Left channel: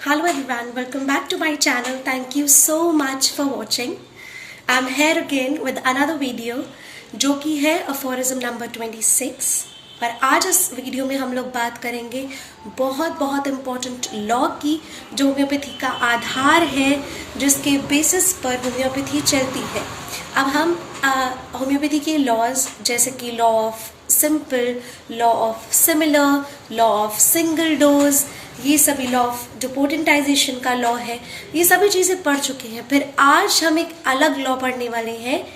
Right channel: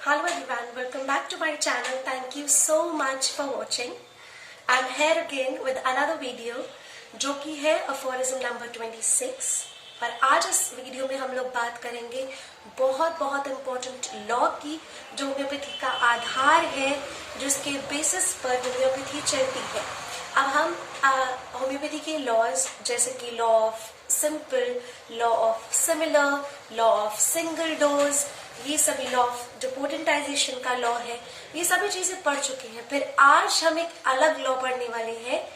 Hello everyone, welcome back to my channel. Thank you so much for watching. I'm here again with another video जो कि है aphorism number 26 और आज इस video में हम लोग बात करेंगे बहुत इम्पोर्टेंट लॉ की जो होम्योपैथी का आधार है, जिसके बेसिस पर होम्योपैथी चलती है। अब हम होम्योपैथी के लॉज जैसे कि law of simple, law of similar, law of single dose, ये सभी लॉ ऑफ जो पोटेंटाइजेशन का लॉ है, ये सभी चीजें पढ़ चुके हैं। फिर आज हम एक अलग लॉ पढ़ने वाले हैं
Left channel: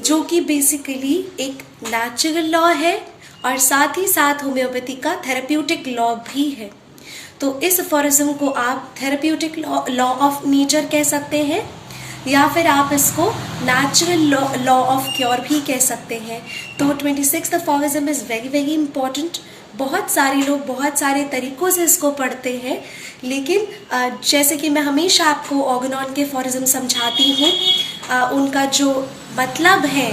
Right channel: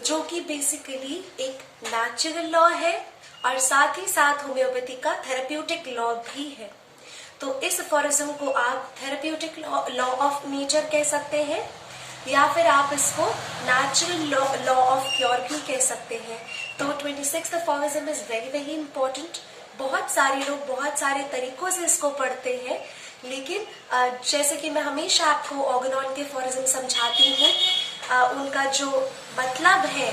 जो कि बेसिकली एक नेचुरल लॉ है और साथ ही साथ होम्योपैथी का थेरेप्यूटिक लॉ भी है। तो इस अफोरिज्म को आप थेरेप्यूटिक लॉ ऑफ नेचर कह सकते हैं या फिर आप इसको नेचुरल लॉ ऑफ क्योर भी कह सकते हैं। तो 26th aphorism is very important. बहुत सारे लोग बहुत सारे तरीकों से इसको पढ़ते हैं, लेकिन जैसे कि मैं हमेशा आपको ऑर्गेनॉन के अफोरिज्म समझाती हूँ, उनका जो मतलब है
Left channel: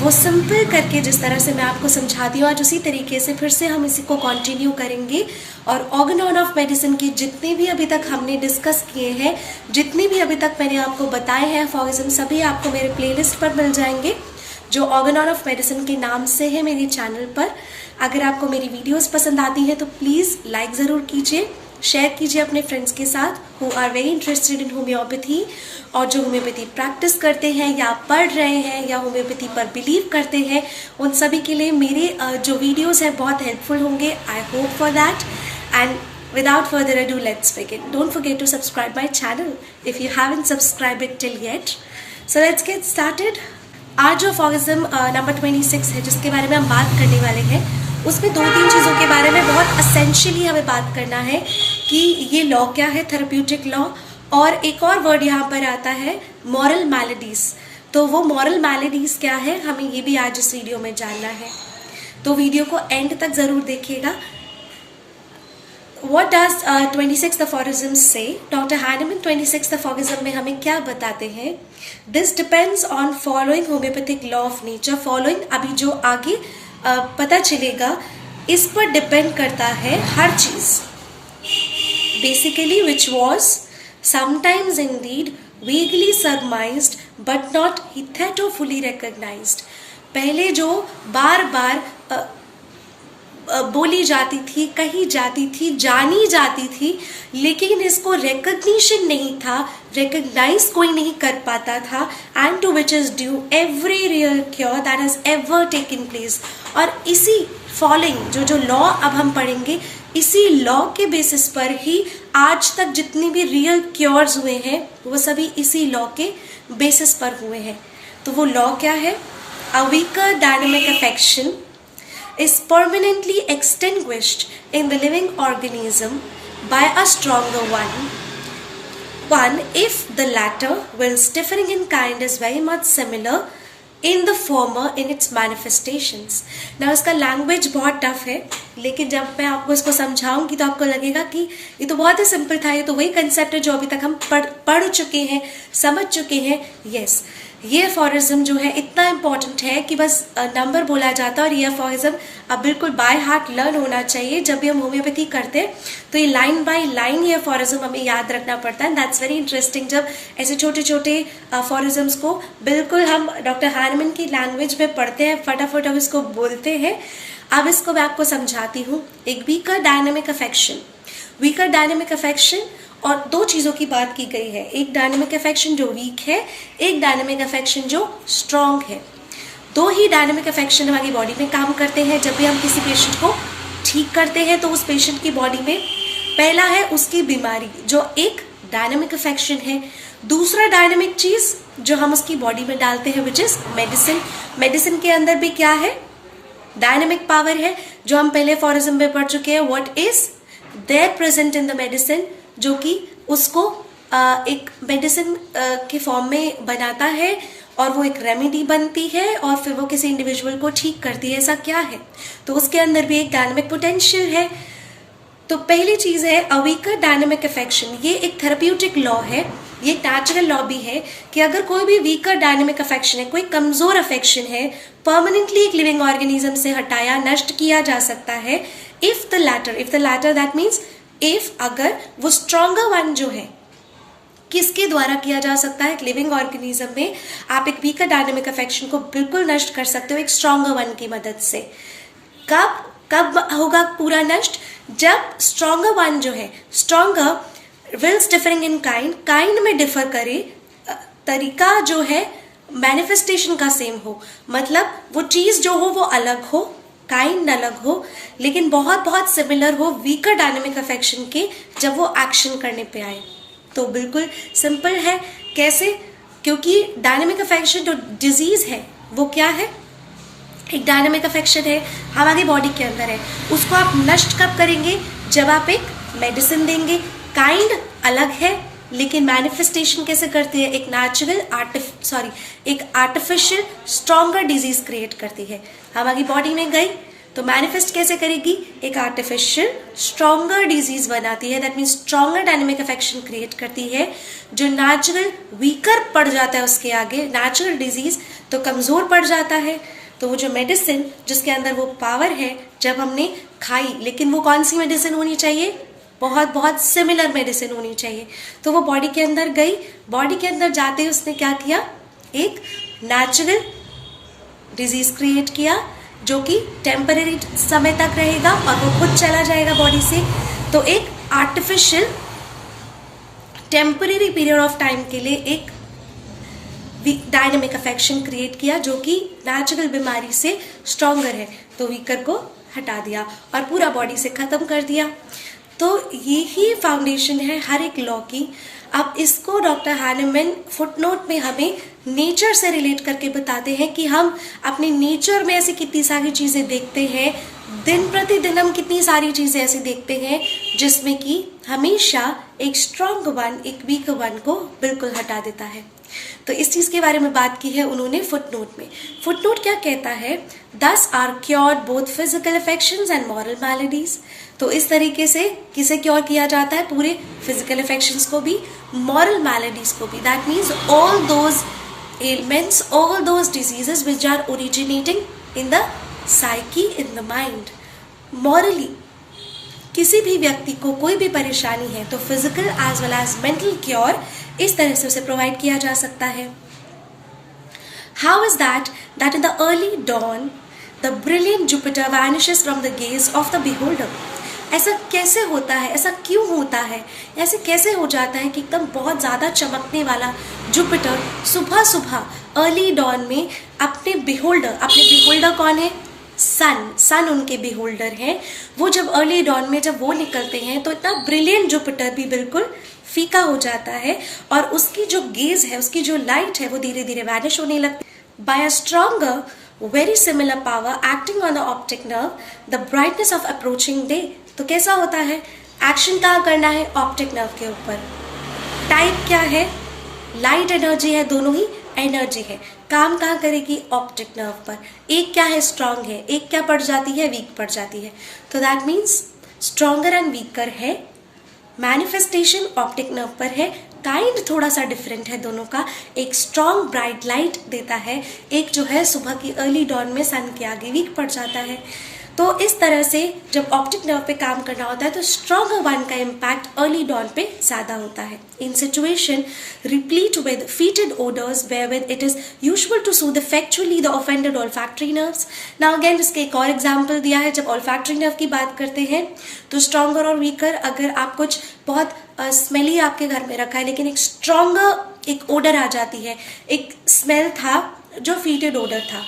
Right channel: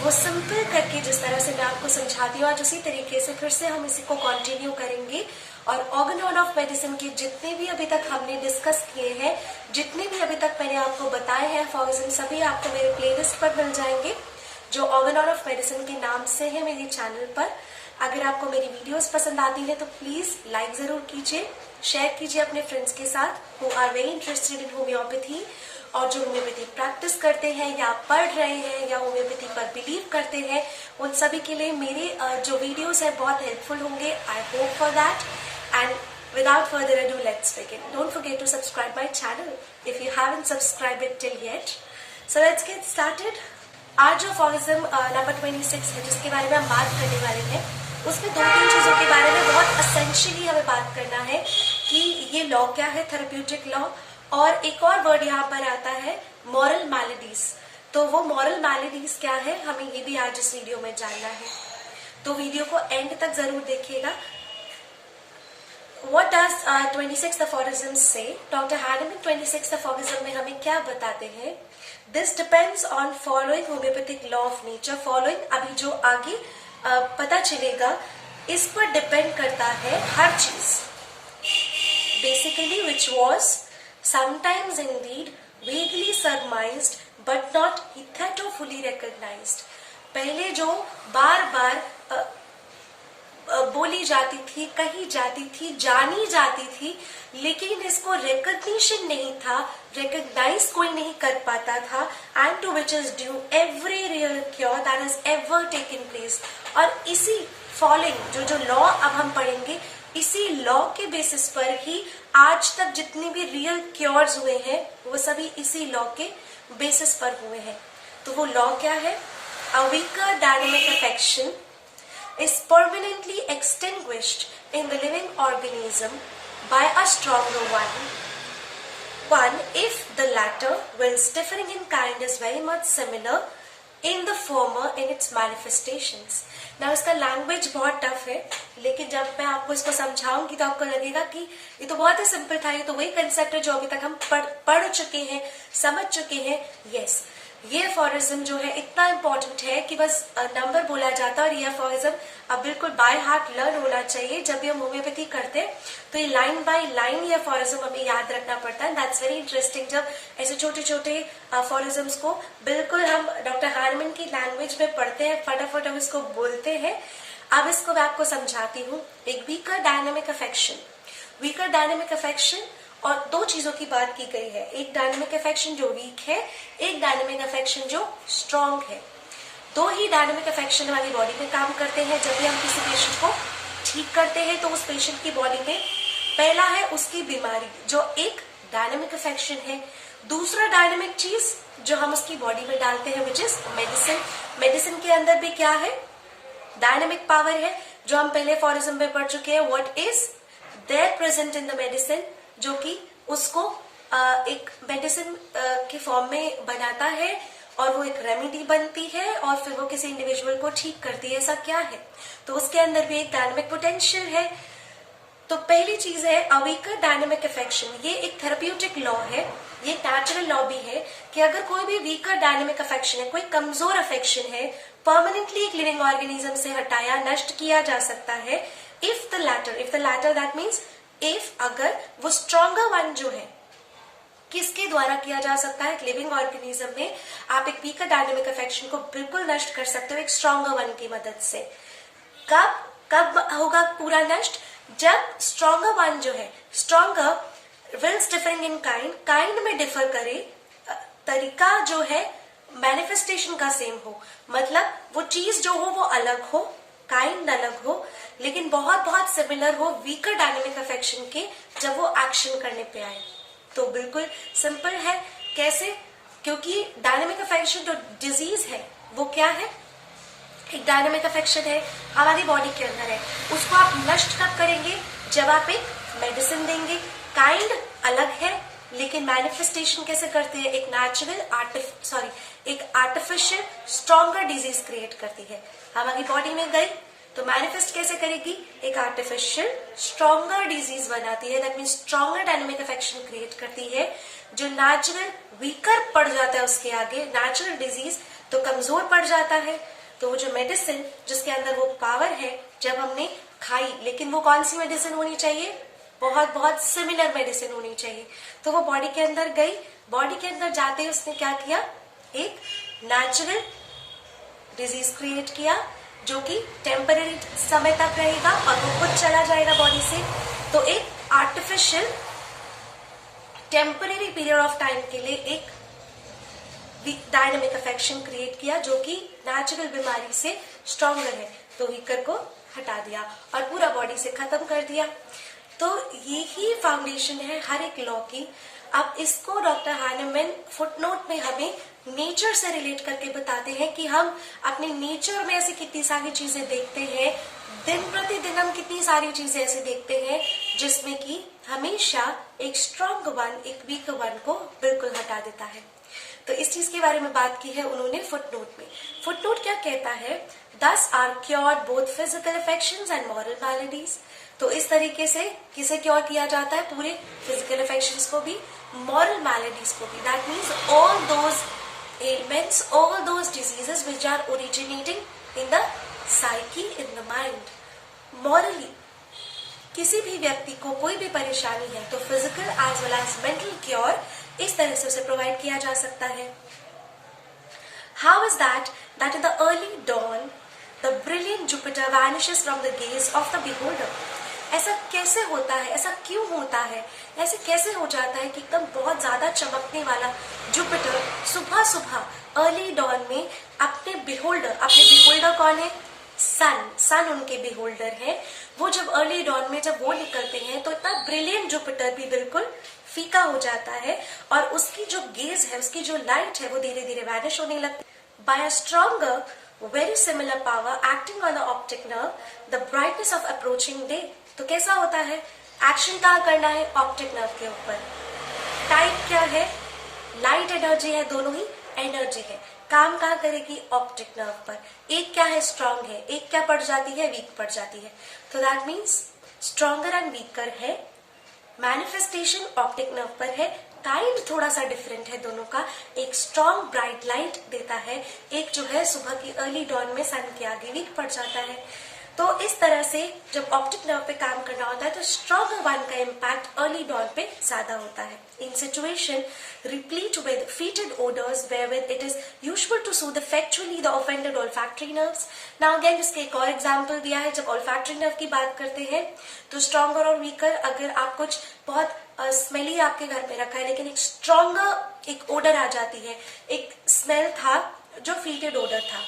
वो सिंपल करके जिस तरह से मैं आपको समझाती हूँ, आज उसी तरीके से फिर से हम इसी को कंटिन्यू करेंगे। और ऑर्गेनॉन ऑफ मेडिसिन के जितने भी अभी तक हमने डिस्कस किए हैं, जितने भी अभी तक मैंने आपको बताए हैं अफोरिज्म, सभी आपको मेरे प्लेलिस्ट पर मिल जाएंगे जो ऑर्गेनॉन ऑफ मेडिसिन के नाम से है मेरे चैनल पर। अगर आपको मेरी वीडियोस पसंद आती है तो प्लीज लाइक जरूर कीजिए, शेयर कीजिए अपने फ्रेंड्स के साथ who are very interested in homeopathy और जो होम्योपैथी प्रैक्टिस करते हैं या पढ़ रहे हैं या होम्योपैथी पर बिलीव करते हैं, उन सभी के लिए मेरे जो वीडियोस हैं बहुत हेल्पफुल होंगे। I hope for that. And without further ado, let's begin. Don't forget to subscribe my channel if you haven't subscribed it till yet. So let's get started. आज जो अफोरिज्म नंबर 26 है जिसके बारे में हम बात करने वाले हैं, उसमें 2-3 चीजों के बारे में बहुत असेंशियली हमें बात करना है कि ये लॉ क्या है, थेरेप्यूटिक लॉ, और एक और वर्ड यहाँ पर आता है मॉरल मैलेडीज। तो वो मॉरल मैलेडीज क्या है, हमें ये भी आज इस वीडियो में जानना है। तो वीडियो को एंड तक जरूर देखिएगा। What does 26th aphorism say? Doctor Hahnemann 26th aphorism में हमें क्या बताते हैं? This depends on following homeopathic law of nature. Following अभी जो आगे पता चलेगा, इस पर डिपेंड करता है हर चीज। Basically, which was sometimes indeed vaguely surmised but not hitherto fully recognized. पहले जो बार बार बोली जाती थी, कही जाती थी, जानी जाती थी, लेकिन इसको रिकग्निशन नहीं था, रिकग्नाइज कोई नहीं कर पाता था, and to which is due every real cure that has ever taken place. और इसी फॉलोइंग जो लॉ अब हम पढ़ेंगे, इसी लॉ के बेसिस पर ही आज तक जितनी भी रियल क्योर्स हुए हैं वो सभी इसी लॉ के बेसिस पर हुए हैं। तो वो लॉ क्या है? A weaker dynamic affection is permanently extinguished in the living organism by a stronger one if the latter, when differing in kind, is very much similar in the former in its manifestations. Now इसका language बहुत tough है, लेकिन जब मैं आपको इसको समझाऊंगी तो आपको लगेगा कि ये तो बहुत ही सिंपल था, ये तो वही कंसेप्ट है जो अभी तक हम पढ़ चुके हैं, समझ चुके हैं। यस, ये अफोरिज्म जो है इतना इम्पोर्टेंट है कि बस नंबर बोला जाता है, और ये अफोरिज्म अब बिल्कुल बाय हार्ट लर्न होना चाहिए। जब भी हम होम्योपैथी करते हैं तो ये लाइन बाय लाइन ये अफोरिज्म हमें याद रखना पड़ता है। दैट्स वेरी इंटरेस्टिंग जब ऐसे छोटे छोटे अफोरिज्म्स को बिल्कुल हम डॉक्टर हैनेमन की लैंग्वेज में पढ़ते हैं, फटाफट हम इसको बोलते हैं। अब इसको मैं आपको समझाती हूँ। एक वीकर डायनेमिक अफेक्शन और दो चीजों की बात की गई है, एक डायनेमिक अफेक्शन जो वीक है, एक डायनेमिक अफेक्शन जो स्ट्रॉन्ग है। दो ही डायनेमिक अफेक्शन हमारी बॉडी में काम करते हैं। जब भी हम किसी पेशेंट को ठीक करते हैं तो उस पेशेंट की बॉडी में पहला है उसकी बीमारी जो एक डायनेमिक अफेक्शन है, दूसरा डायनेमिक चीज जो हम उसकी बॉडी में डालते हैं विच इज मेडिसिन। मेडिसिन के अंदर भी क्या है? डायनेमिक पावर है, जो हम पहले अफोरिज्म में पढ़ चुके हैं। What is there present in the medicine, जो कि उसको एक मेडिसिन के फॉर्म में बनाता है और वो एक रेमेडी बनती है और फिर वो किसी इंडिविजुअल को ठीक करती है। ऐसा क्या है? तो उसके अंदर भी एक डायनेमिक पोटेंशियल है। तो पहली चीज है अ वीकर डायनेमिक अफेक्शन। ये एक थेरेप्यूटिक लॉ है, ये नेचुरल लॉ भी है कि अगर कोई भी वीकर डायनेमिक अफेक्शन है, कोई कमजोर अफेक्शन है, परमानेंटली एक लिविंग ऑर्गेनिज्म से हटाया, नष्ट किया जा सकता है। If the latter that means if अगर वो स्ट्रॉन्गर वन जो है किसके द्वारा किया जा सकता है, एक लिविंग ऑर्गेनिज्म में आप एक वीकर डायनेमिक अफेक्शन को बिल्कुल नष्ट कर सकते हो एक स्ट्रॉन्गर वन की मदद से। कब होगा पूरा नष्ट, जब स्ट्रॉन्गर वन जो है, stronger wills differing in kind में डिफर करे, तरीका जो है मैनिफेस्टेशन का सेम हो, मतलब वो चीज जो हो वो अलग हो, काइंड अलग हो, लेकिन बहुत बहुत सिमिलर हो वीकर डायनेमिक अफेक्शन के जब वो एक्शन करने पे आए। तो बिल्कुल सिंपल है। कैसे, क्योंकि डायनेमिक अफेक्शन जो डिजीज है वो क्या है, एक डायनेमिक अफेक्शन है, हमारी बॉडी के अंदर है, उसको आप नष्ट कब करेंगे, जब आप एक मेडिसिन देंगे। काइंड अलग है लेकिन मैनिफेस्टेशन कैसे करती है, एक नेचुरल एक आर्टिफिशियल स्ट्रॉन्गर डिजीज क्रिएट करती है, हमारी बॉडी में गई तो मैनिफेस्ट कैसे करेगी, एक आर्टिफिशियल स्ट्रॉन्गर डिजीज बनाती है, that means stronger dynamic affection create करती है, जो नेचुरल वीकर पड़ जाता है उसके आगे, नेचुरल डिजीज तो कमजोर पड़ जाता है। तो वो जो मेडिसिन जिसके अंदर वो पावर है जब हमने खाई, लेकिन वो कौन सी मेडिसिन होनी चाहिए, बहुत बहुत सिमिलर मेडिसिन होनी चाहिए, तो वो बॉडी के अंदर गई, बॉडी के अंदर जाते ही उसने क्या किया, एक नेचुरल डिजीज क्रिएट किया जो कि टेम्पररी समय तक रहेगा और वो खुद चला जाएगा बॉडी से। तो एक artificial temporary period of time के लिए एक डायनेमिक अफेक्शन क्रिएट किया जो कि नेचुरल बीमारी से स्ट्रॉन्गर है, तो वीकर को हटा दिया और पूरा बॉडी से खत्म कर दिया। तो यही फाउंडेशन है हर एक लॉ की। अब इसको डॉक्टर हैनेमैन फुटनोट में हमें नेचर से रिलेट करके बताते हैं कि हम अपने नेचर में ऐसी कितनी सारी चीजें देखते हैं, दिन प्रतिदिन हम कितनी सारी चीजें ऐसी देखते हैं जिसमें कि हमेशा एक स्ट्रॉन्ग वन एक वीक वन को बिल्कुल हटा देता है। तो इस चीज के बारे में बात की है उन्होंने फुटनोट में। फुटनोट क्या कहता है, these are cured both physical affections and moral maladies. तो इस तरीके से किसे क्योर किया जाता है, पूरे फिजिकल अफेक्शंस को भी, मॉरल मैलेडीज को भी, that means all those ailments, all those diseases which are originating in the psyche, in the mind. Morally किसी भी व्यक्ति को कोई भी परेशानी है तो physical as well as mental cure इस तरह से उसे प्रोवाइड किया जा सकता है। How is that in the early dawn the brilliant Jupiter vanishes from the gaze of the beholder? ऐसा कैसे होता है, ऐसा क्यों होता है, ऐसे कैसे हो जाता है कि एकदम बहुत ज्यादा चमकने वाला जुपिटर सुबह सुबह अर्ली डॉन में अपने बिहोल्डर कौन है, सन उनके बिहोल्डर है, वो जब अर्ली डॉन में जब वो निकलते हैं तो इतना ब्रिलियंट जुपिटर भी बिल्कुल फीका हो जाता है और उसकी जो गेज है, उसकी जो लाइट है वो धीरे धीरे वैनिश होने लगती है। By a stronger very similar power acting on the optic nerve, the brightness of approaching day। तो कैसा होता है, एक्शन कहाँ करना है, ऑप्टिक नर्व के ऊपर। टाइप क्या है, लाइट एनर्जी है, दोनों ही एनर्जी है, काम कहाँ करेगी, ऑप्टिक नर्व पर। एक क्या है, स्ट्रांग है, एक क्या पड़ जाती है, वीक पड़ जाती है। तो that means stronger and weaker है, मैनिफेस्टेशन ऑप्टिक नर्व पर है, काइंड थोड़ा सा डिफरेंट है दोनों का। एक स्ट्रॉन्ग ब्राइट लाइट देता है, एक जो है सुबह की अर्ली डॉन में सन के आगे वीक पड़ जाता है। तो इस तरह से जब ऑप्टिक नर्व पे काम करना होता है तो स्ट्रॉन्गर वन का इम्पैक्ट अर्ली डॉन पे ज्यादा होता है। In situation replete with fetid odours wherewith it is usual to soothe effectually the offended olfactory nerves। Now again इसके एक और एग्जाम्पल दिया है। जब olfactory nerve की बात करते हैं तो स्ट्रॉन्गर और वीकर, अगर आप कुछ बहुत स्मेली आपके घर में रखा है लेकिन एक स्ट्रॉन्गर एक ओडर आ जाती है, एक स्मेल था जो फीटेड ओडर था,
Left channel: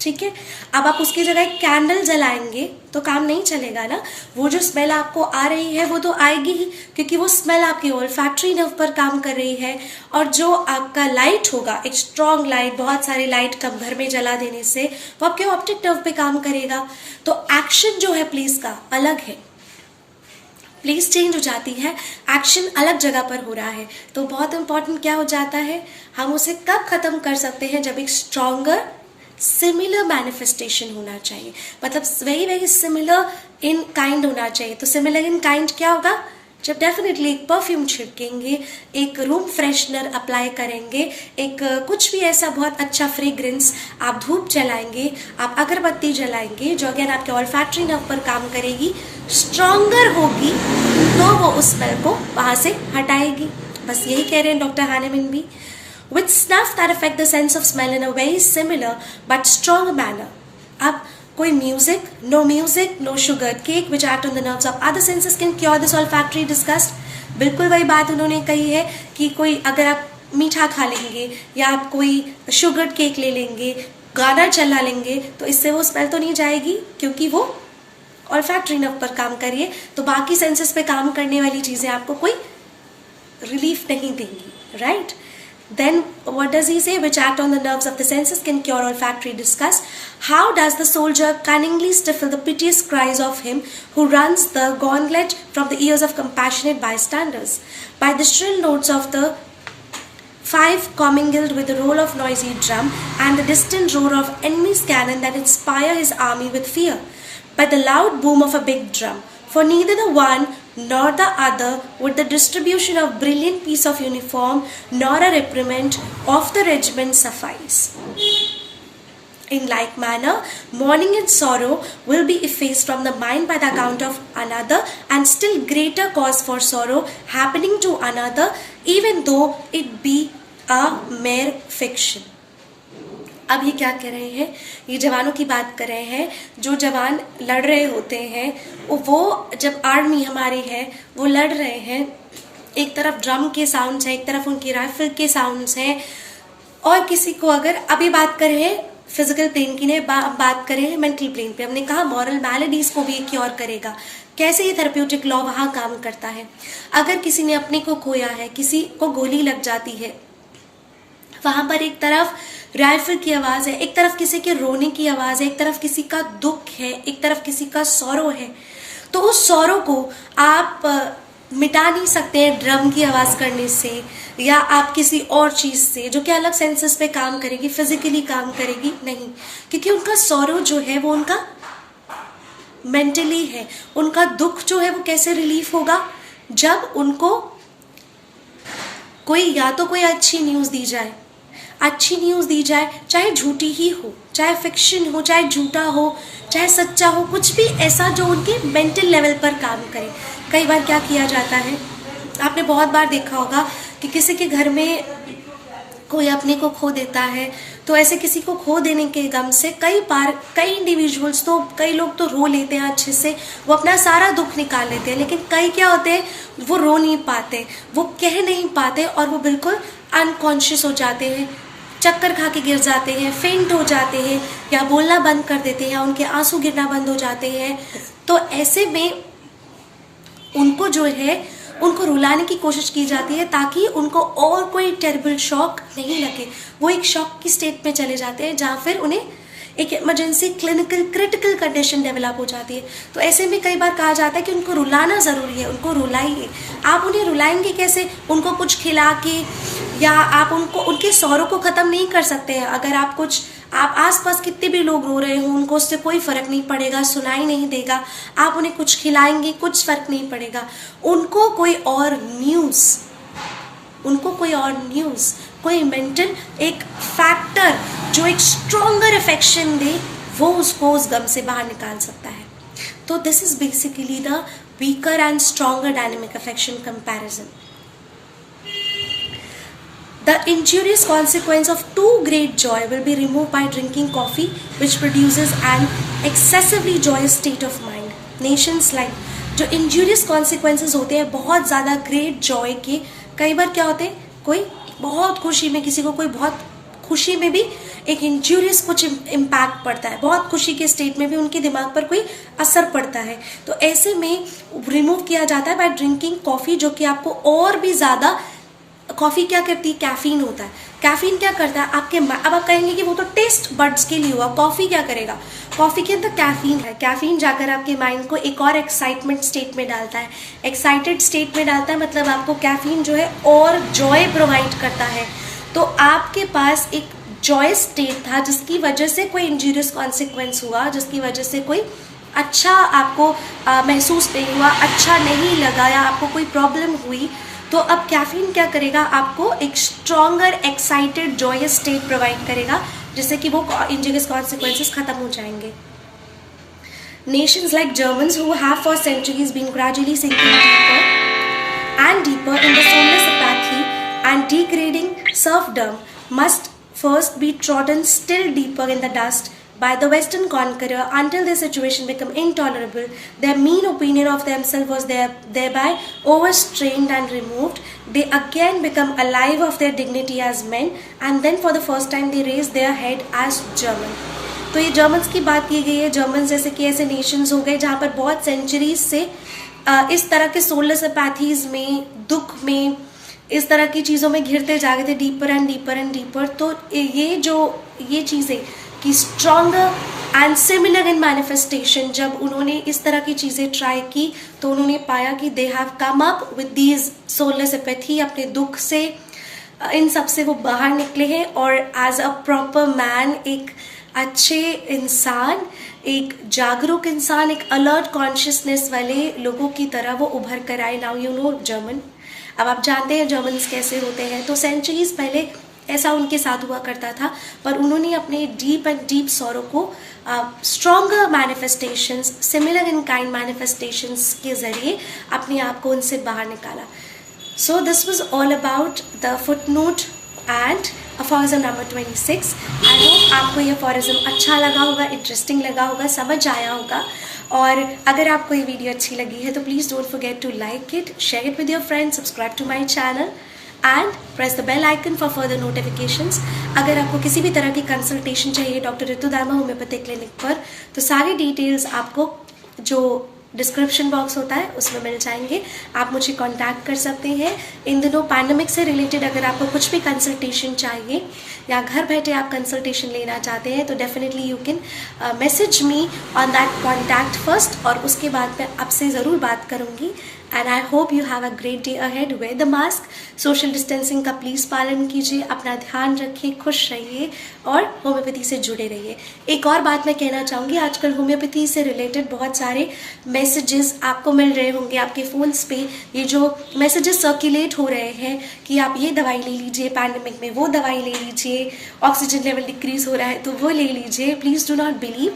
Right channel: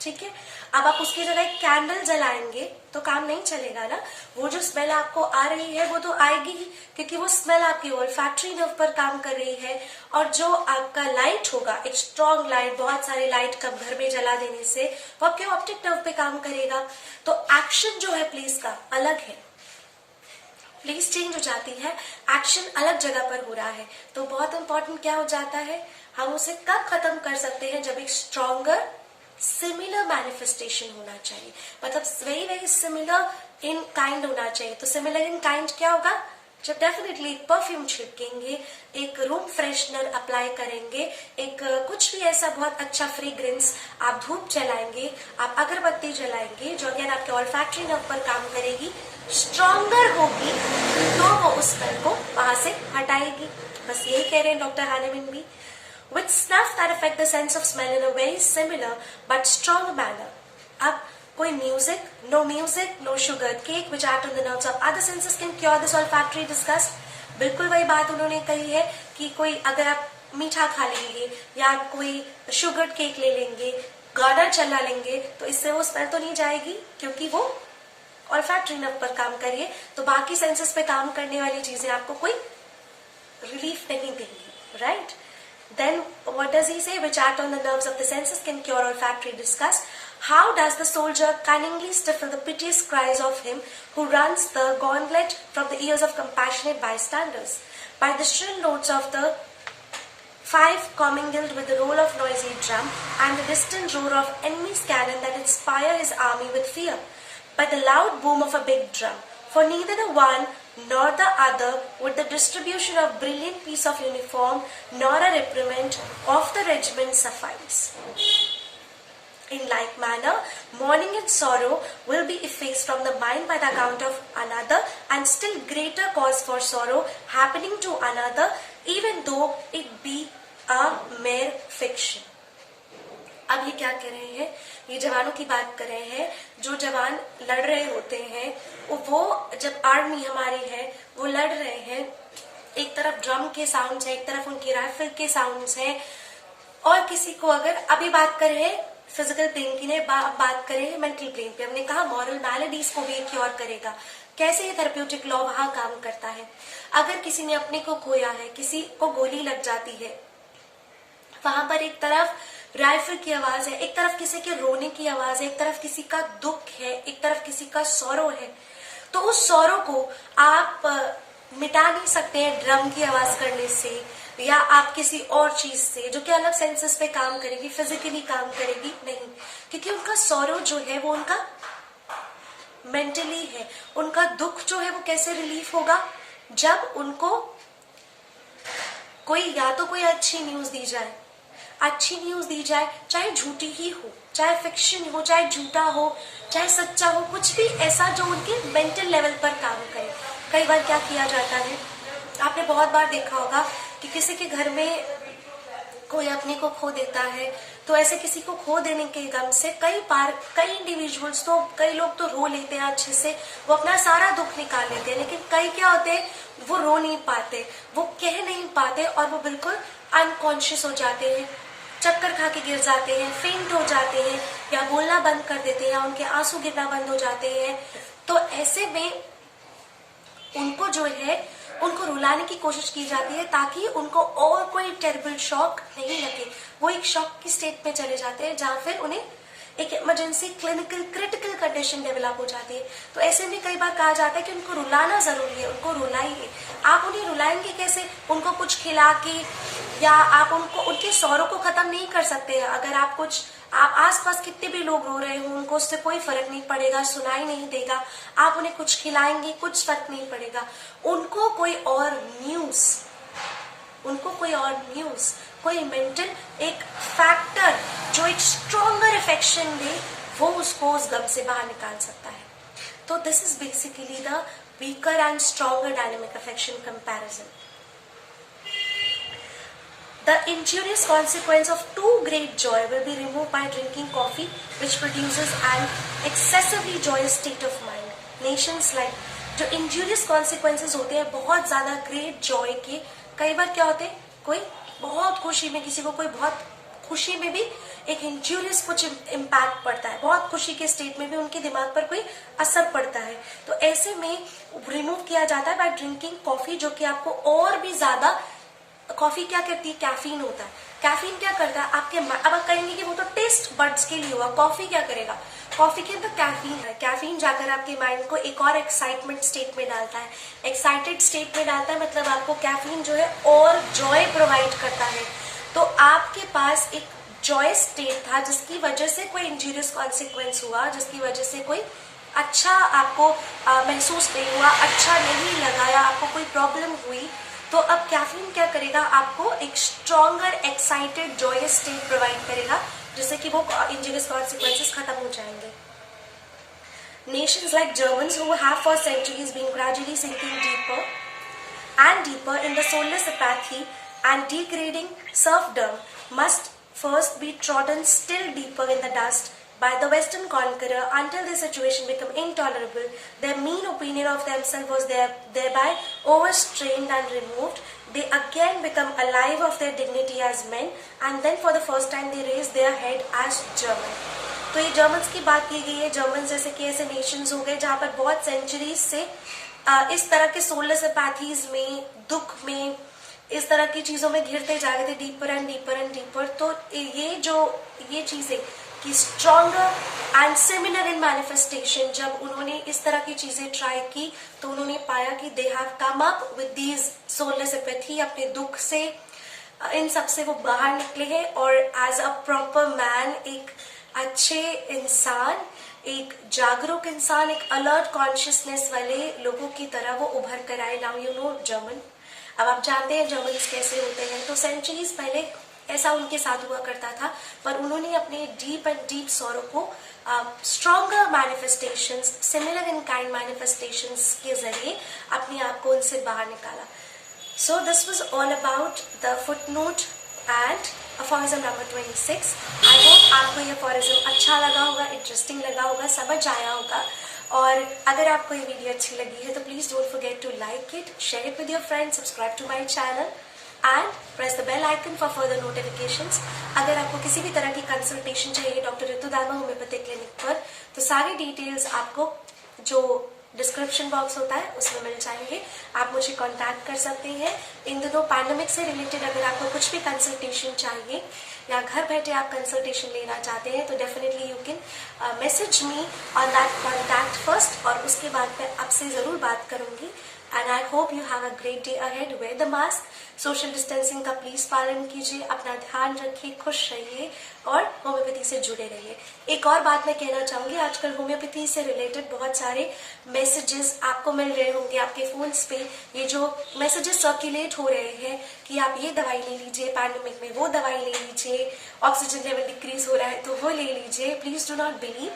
ठीक है, अब आप उसकी जगह एक कैंडल जलाएंगे तो काम नहीं चलेगा ना। वो जो स्मेल आपको आ रही है वो तो आएगी ही, क्योंकि वो स्मेल आपकी ओल्फैक्टरी नर्व पर काम कर रही है। और जो आपका लाइट होगा, एक स्ट्रॉन्ग लाइट, बहुत सारी लाइट कम घर में जला देने से वो आपके ऑप्टिक नर्व पे काम करेगा। तो एक्शन जो है प्लेस का अलग है, प्लेस चेंज हो जाती है, एक्शन अलग जगह पर हो रहा है। तो बहुत इंपॉर्टेंट क्या हो जाता है, हम उसे कब खत्म कर सकते हैं, जब एक स्ट्रॉन्गर सिमिलर मैनिफेस्टेशन होना चाहिए, मतलब very very similar in kind होना चाहिए। तो सिमिलर इन काइंड क्या होगा, जब डेफिनेटली एक परफ्यूम छिड़केंगे, एक रूम फ्रेशनर अप्लाई करेंगे, एक कुछ भी ऐसा बहुत अच्छा फ्रेग्रेंस, आप धूप जलाएंगे, आप अगरबत्ती जलाएंगे, जो अगेन आपके ऑल्फैक्टरी नर्व पर काम करेगी, स्ट्रॉन्गर होगी, तो वो उस स्मेल को वहां से हटाएगी। बस यही कह रहे हैं डॉक्टर हानेमिन भी। With snuff that affect the sense of smell in a very similar but strong manner. अब कोई music, no sugar cake which act on the nerves of other senses can cure this olfactory disgust. बिल्कुल वही बात उन्होंने कही है कि कोई अगर आप मीठा खा लेंगे या आप कोई शुगर केक ले लेंगे, गाना चला लेंगे, तो इससे वो स्मेल तो नहीं जाएगी, क्योंकि वो ऑल्फैक्टरी नर्व पर काम करिए, तो बाकी सेंसेस पे काम करने वाली चीजें आपको कोई रिलीफ नहीं देंगी, right? Then what does he say? Which act on the nerves of the senses can cure olfactory disgust. How does the soldier cunningly stifle the piteous cries of him who runs the gauntlet from the ears of compassionate bystanders? By the shrill notes of the fife commingled with the roll of noisy drum and the distant roar of enemy's cannon that inspire his army with fear. By the loud boom of a big drum. For neither the one nor the other would the distribution of brilliant piece of uniform nor a reprimand of the regiment suffice. In like manner, mourning and sorrow will be effaced from the mind by the account of another and still greater cause for sorrow happening to another, even though it be a mere fiction. अब ये क्या कह रहे हैं? ये जवानों की बात कर रहे हैं। जो जवान लड़ रहे होते हैं, वो जब आर्मी हमारी है वो लड़ रहे हैं, एक तरफ ड्रम के साउंड्स हैं, एक तरफ उनकी राइफल के साउंड्स हैं, और किसी को अगर अभी बात कर रहे हैं फिजिकल प्लेन की, बात कर रहे हैं मेंटल प्लेन पे, हमने कहा मॉरल मैलेडीज को भी क्योर करेगा। कैसे ये थेरेप्यूटिक लॉ वहां काम करता है? अगर किसी ने अपने को खोया है, किसी को गोली लग जाती है, वहां पर एक तरफ राइफल की आवाज है, एक तरफ किसी के रोने की आवाज है, एक तरफ किसी का दुख है, एक तरफ किसी का सौरो है, तो उस सौरो को आप मिटा नहीं सकते हैं ड्रम की आवाज करने से या आप किसी और चीज से जो कि अलग सेंसेस पे काम करेगी, फिजिकली काम करेगी, नहीं। क्योंकि उनका सौरो जो है वो उनका मेंटली है। उनका दुख जो है वो कैसे रिलीफ होगा? जब उनको कोई या तो कोई अच्छी न्यूज दी जाए, चाहे झूठी ही हो, चाहे फिक्शन हो, चाहे झूठा हो, चाहे सच्चा हो, कुछ भी ऐसा जो उनके मेंटल लेवल पर काम करे। कई बार क्या किया जाता है, आपने बहुत बार देखा होगा कि किसी के घर में कोई अपने को खो देता है, तो ऐसे किसी को खो देने के गम से कई इंडिविजुअल्स, तो कई लोग तो रो लेते हैं अच्छे से, वो अपना सारा दुख निकाल लेते हैं, लेकिन कई क्या होते हैं, वो रो नहीं पाते, वो कह नहीं पाते, और वो बिल्कुल अनकॉन्शियस हो जाते हैं, चक्कर खा के गिर जाते हैं, फेंट हो जाते हैं, या बोलना बंद कर देते हैं, या उनके आंसू गिरना बंद हो जाते हैं। तो ऐसे में उनको जो है उनको रुलाने की कोशिश की जाती है ताकि उनको और कोई टेरिबल शॉक नहीं लगे। वो एक शॉक की स्टेट में चले जाते हैं जहाँ फिर उन्हें एक emergency clinical critical condition develop हो जाती है। तो ऐसे में कई बार कहा जाता है कि उनको रुलाना जरूरी है, उनको रुलाइए। आप उन्हें रुलाएंगे कैसे? उनको कुछ खिला के, या आप उनको उनके सौरों को खत्म नहीं कर सकते हैं। अगर आप आसपास कितने भी लोग रो रहे हो, उनको उससे कोई फर्क नहीं पड़ेगा, सुनाई नहीं देगा। आप उन्हें कुछ खिलाएंगे, कुछ फर्क नहीं पड़ेगा। उनको कोई और न्यूज, कोई मेंटल एक फैक्टर जो एक स्ट्रॉन्गर अफेक्शन दे, वो उसको उस गम से बाहर निकाल सकता है। तो this is basically the weaker and stronger dynamic affection comparison. The injurious consequence of too great joy will be removed by drinking coffee, which produces an excessively joyous state of mind. Nations like जो injurious consequences होते हैं बहुत ज़्यादा great joy के, कई बार क्या होते हैं, कोई बहुत खुशी में, किसी को कोई बहुत खुशी में भी एक इंजूरियस कुछ इम्पैक्ट पड़ता है, बहुत खुशी के स्टेट में भी उनके दिमाग पर कोई असर पड़ता है। तो ऐसे में रिमूव किया जाता है बाय ड्रिंकिंग कॉफी, जो कि आपको और भी ज़्यादा, कॉफी क्या करती है, कैफीन होता है। कैफीन क्या करता है आपके, अब आप कहेंगे कि वो तो टेस्ट बड्स के लिए हुआ, कॉफी क्या करेगा? कॉफी के अंदर कैफीन है, कैफीन जाकर आपके माइंड को एक और एक्साइटमेंट स्टेट में डालता है, एक्साइटेड स्टेट में डालता है, मतलब आपको कैफीन जो है और जॉय प्रोवाइड करता है। तो आपके पास एक जॉय स्टेट था जिसकी वजह से कोई इंजूरियस कॉन्सिक्वेंस हुआ, जिसकी वजह से कोई अच्छा आपको महसूस नहीं हुआ, अच्छा नहीं लगा या आपको कोई प्रॉब्लम हुई, तो अब कैफीन क्या करेगा, आपको एक stronger excited joyous state provide करेगा, जिससे कि वो इंजरियस कॉन्सिक्वेंसेस खत्म हो जाएंगे। Nations like Germans, who have for centuries been gradually sinking deeper and deeper in the soulless apathy and degrading serfdom, must first be trodden still deeper in the dust by the Western conqueror until their situation become intolerable. Their mean opinion of themselves was thereby overstrained and removed. They again become alive of their dignity as men, and then for the first time they raise their head as German. तो ये Germans की बात की गई है। German जैसे कि ऐसे नेशंस हो गए जहाँ पर बहुत सेंचुरीज से इस तरह के सोलस अपैथीज में, दुख में, इस तरह की चीज़ों में घिरते जा रहे थे, deeper and deeper and deeper. तो ये चीज़ें कि stronger and similar in manifestation, जब उन्होंने इस तरह की चीज़ें ट्राई की तो उन्होंने पाया कि they have come up with these solace apathy, अपने दुख से, इन सब से वो बाहर निकले हैं और एज अ प्रॉपर मैन, एक अच्छे इंसान, एक जागरूक इंसान, एक अलर्ट कॉन्शियसनेस वाले लोगों की तरह वो उभर कर आए। Now you know German. अब आप जानते हैं जर्मन्स कैसे होते हैं। तो सेंचुरीज पहले ऐसा उनके साथ हुआ करता था, पर उन्होंने अपने डीप एंड डीप सॉरो को stronger manifestations, similar in kind manifestations के जरिए अपने आप को उनसे बाहर निकाला। So this was all about the footnote and aphorism number 26। I hope आपको ये अफोरिज्म अच्छा लगा होगा, इंटरेस्टिंग लगा होगा, समझ आया होगा। और अगर आपको ये वीडियो अच्छी लगी है तो please don't forget to like it, share it with your friends, subscribe to my channel and press the bell icon for further notifications. अगर आपको किसी भी तरह की कंसल्टेशन चाहिए डॉक्टर ऋतु दामा होम्योपैथिक क्लिनिक पर, तो सारी डिटेल्स आपको जो डिस्क्रिप्शन बॉक्स होता है उसमें मिल जाएंगे। आप मुझे कांटेक्ट कर सकते हैं। इन दिनों पैंडेमिक से रिलेटेड अगर आपको कुछ भी कंसल्टेशन चाहिए या घर बैठे आप कंसल्टेशन लेना चाहते हैं तो definitely you can message me on that contact first, और उसके बाद मैं आपसे ज़रूर बात करूँगी। And I hope you have a great day ahead. Wear the mask, social distancing का प्लीज़ पालन कीजिए, अपना ध्यान रखिए, खुश रहिए और होम्योपैथी से जुड़े रहिए। एक और बात मैं कहना चाहूँगी, आजकल होम्योपैथी से रिलेटेड बहुत सारे मैसेजेस आपको मिल रहे होंगे आपके फ़ोन्स पे। ये जो मैसेजेस सर्कुलेट हो रहे हैं कि आप ये दवाई ले लीजिए पैंडेमिक में, वो दवाई ले लीजिए, ऑक्सीजन लेवल डिक्रीज हो रहा है तो वो ले लीजिए, प्लीज़ डू नॉट बिलीव।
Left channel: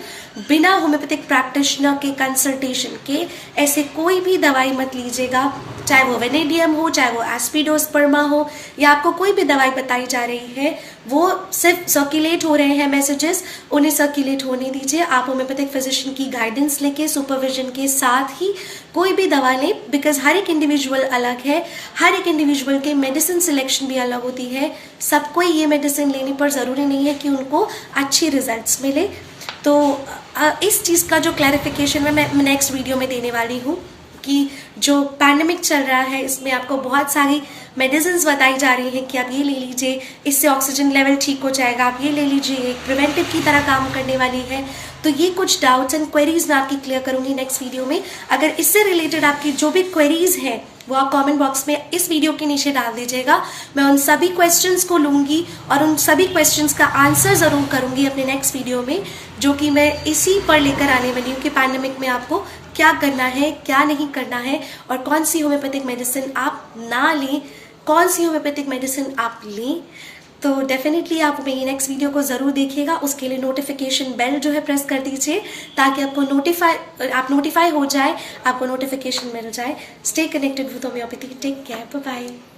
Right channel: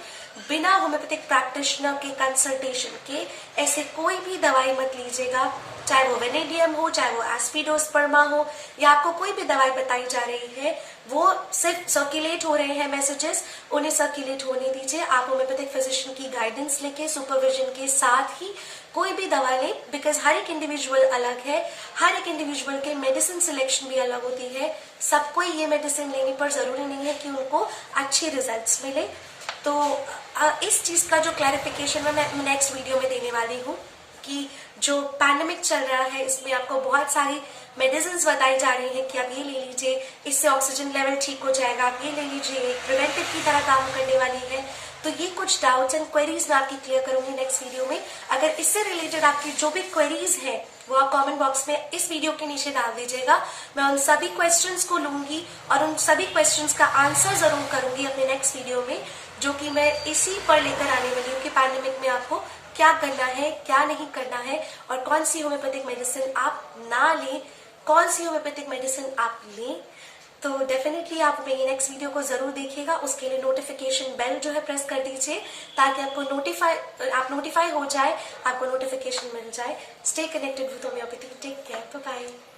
बिना होम्योपैथिक प्रैक्टिशनर के कंसल्टेशन के ऐसे कोई भी दवाई मत लीजिएगा, चाहे वो वेनेडियम हो, चाहे वो एस्पिडोस्पर्मा हो, या आपको कोई भी दवाई बताई जा रही है, वो सिर्फ सर्कुलेट हो रहे हैं मैसेजेस, उन्हें सर्कुलेट होने दीजिए। आप होम्योपैथिक फिजिशियन की गाइडेंस लेके, सुपरविजन के साथ ही कोई भी दवा लें, बिकॉज हर एक इंडिविजुअल अलग है, हर एक इंडिविजुअल के मेडिसिन सिलेक्शन भी अलग होती है। सबको ये मेडिसिन लेने पर ज़रूरी नहीं है कि उनको अच्छे रिजल्ट्स मिले। तो इस चीज़ का जो क्लैरिफिकेशन मैं नेक्स्ट वीडियो में देने वाली हूँ कि जो पैंडेमिक चल रहा है इसमें आपको बहुत सारी मेडिसिन्स बताई जा रही हैं कि आप ये ले लीजिए, इससे ऑक्सीजन लेवल ठीक हो जाएगा, आप ये ले लीजिए, प्रिवेंटिव की तरह काम करने वाली है। तो ये कुछ डाउट्स एंड क्वेरीज मैं आपकी क्लियर करूंगी नेक्स्ट वीडियो में। अगर इससे रिलेटेड आपकी जो भी क्वेरीज हैं वो आप कमेंट बॉक्स में इस वीडियो के नीचे डाल दीजिएगा। मैं उन सभी क्वेश्चंस को लूंगी और उन सभी क्वेश्चंस का आंसर जरूर करूंगी अपने नेक्स्ट वीडियो में, जो कि मैं इसी पर लेकर आने वाली हूँ कि पैंडेमिक में आपको क्या करना है, क्या नहीं करना है, और कौन सी होम्योपैथिक मेडिसिन आप ना लें, कौन सी होम्योपैथिक मेडिसिन आप लें। तो डेफिनेटली आप मेरी नेक्स्ट वीडियो को जरूर देखिएगा। उसके लिए नोटिफिकेशन बेल जो है प्रेस कर दीजिए ताकि आपको नोटिफाई हो जाए, आपको नोटिफिकेशन मिल जाए। Stay connected with homeopathy. Take care, bye bye.